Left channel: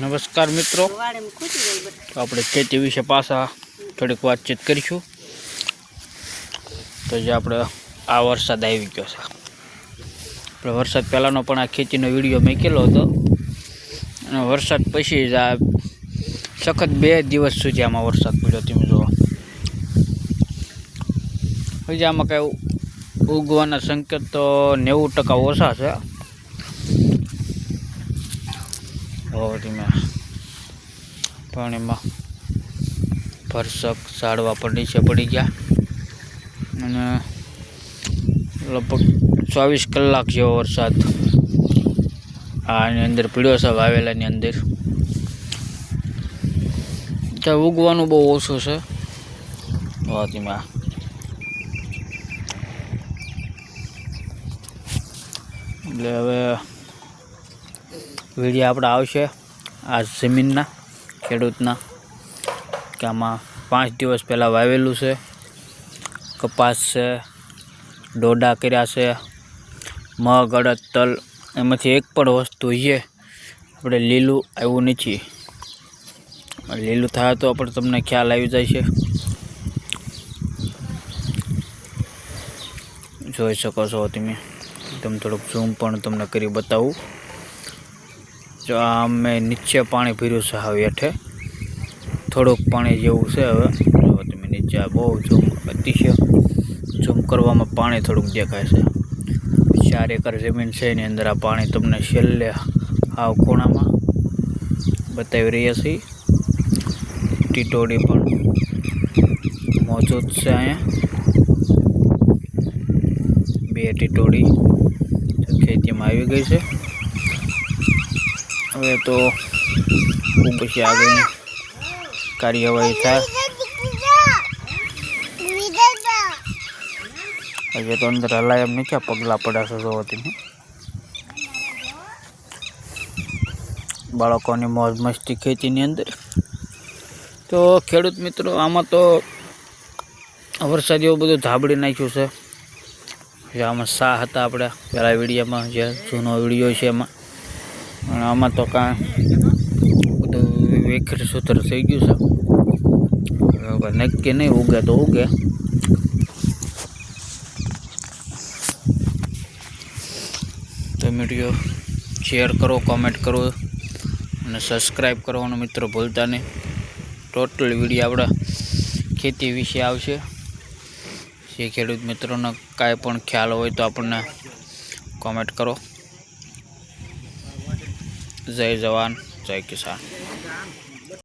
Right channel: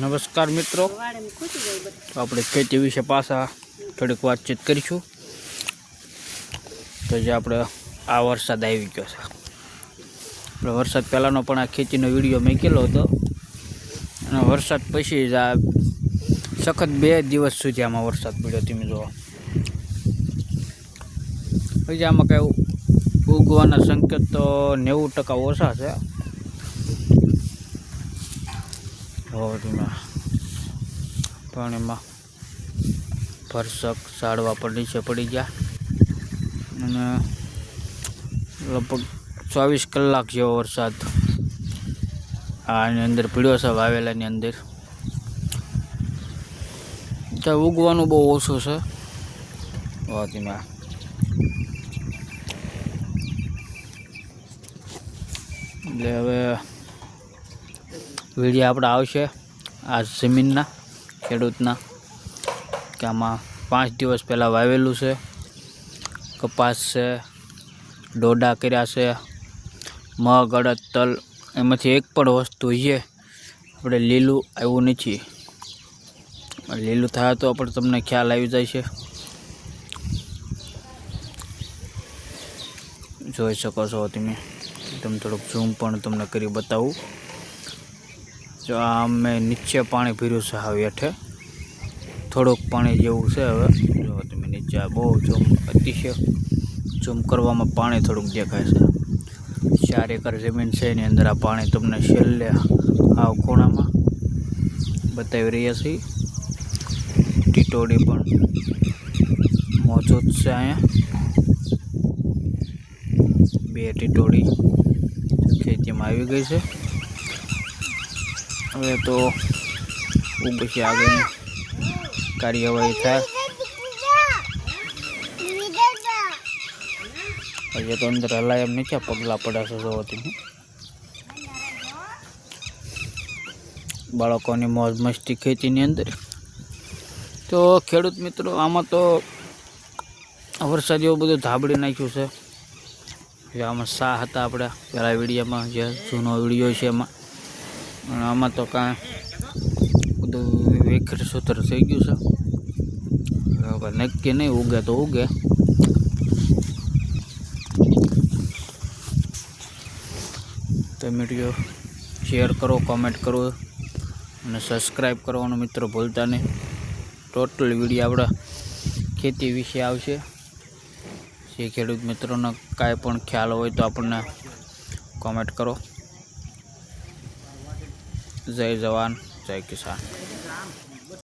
નમસ્કાર મિત્રો. આપણે ખેતી વિશે પાછા થોડીક વાતચીત કરીશું. તો જે આપણે આ વરસાદ આવી ગયો છે. આપણે વરસાદ પહેલાંનો પણ આ ખેતીનો વીડિયો મૂકેલો હતો. અને વરસાદ પછી જ આ સખત બે દિવસ સુધી આમાં વરસાદ પડ્યો તમે જુઓ. હજી આમાં કંઈ ઉગવાના સંકેત તો નેવું ટકા ઓછા છે. હવે પણ પાણીમાં ભરસક ઝાડવા પડી છે, પડી ગયા. અને લગભગ ચોવીસ કલાક જેવો વરસાદ આની અંદર પીડ્યો છે વાવેલાની અંદર. ત્યાં ઉગવાનું બહુ ઓછું છે. વાતીમાં એટલે હવે વીડિયો આપણે આવશે આ જમીનના, ખેડૂતના, કે આમાં પાંચ દિવસ પહેલાં વાવેલું છે, કપાસ છે, ડોડા કર્યા છે, મગ, અડદ, તલ, એમાંથી એક પણ વસ્તુ છે, આપણે લીલું આવ્યું નથી. લીલું થાય તો પણ તમને ખ્યાલ આવી જાય છે. જોઈ શકો છો તમે. તમે થોડુંક ઝૂમ પણ તમને કરી બતાવું. જો અમે નીચે પાણી ભર્યું છે હવે હેઠે. થોડુંક પાણી જેવું છે હવે. જો તમે નીચે બહુ ઝૂમ અતિશય ઝૂમ કરવામાં પાણી થોડુંક દેખાય છે. ચાર એકર જમીન છે, એની અંદર આ પાણી તમને છેલ્લે આવ ખૂણામાં બતાવી રહ્યા છીએ. ટીટોડી પણ મોજૂદ છે અહીંયા. બે ટીટોડી ખેતીમાં આવી ગઈ છે. હવે તો ખૂબ પછી આગળની કાર્યવાહી થાય. હજી તો અંદર હલાય એમ નથી આ પગલાં છે જોવાથી. બાળકોની મોજ મસ્તી ખેતીની અંદર. તો ખેડૂત મિત્રો, આમાં તો વરસાદ એવું બધું ધાબડી નાખ્યું છે. જે આમાં સા હતા આપણા પહેલાં વિડીયોમાં, જે જૂનો વીડિયો છે એમાં. આમાં તો કાં બધું વેખર સૂત્ર થઈ ગયું છે. હવે નક્કી નહીં ઉગે તો ઉગે. તો વીડિયો શેર કરો કોમેન્ટ કરો અને સબસ્ક્રાઈબ કરવાનું મિત્રો ભૂલતા નહીં. ટોટલ વીડિયો આપણા ખેતી વિશે આવશે. જે ખેડૂત મિત્રોનો કાંઈ પણ ખ્યાલ હોય તો આપણને કોમેન્ટ કરો. જય જવાન જય કિસાન.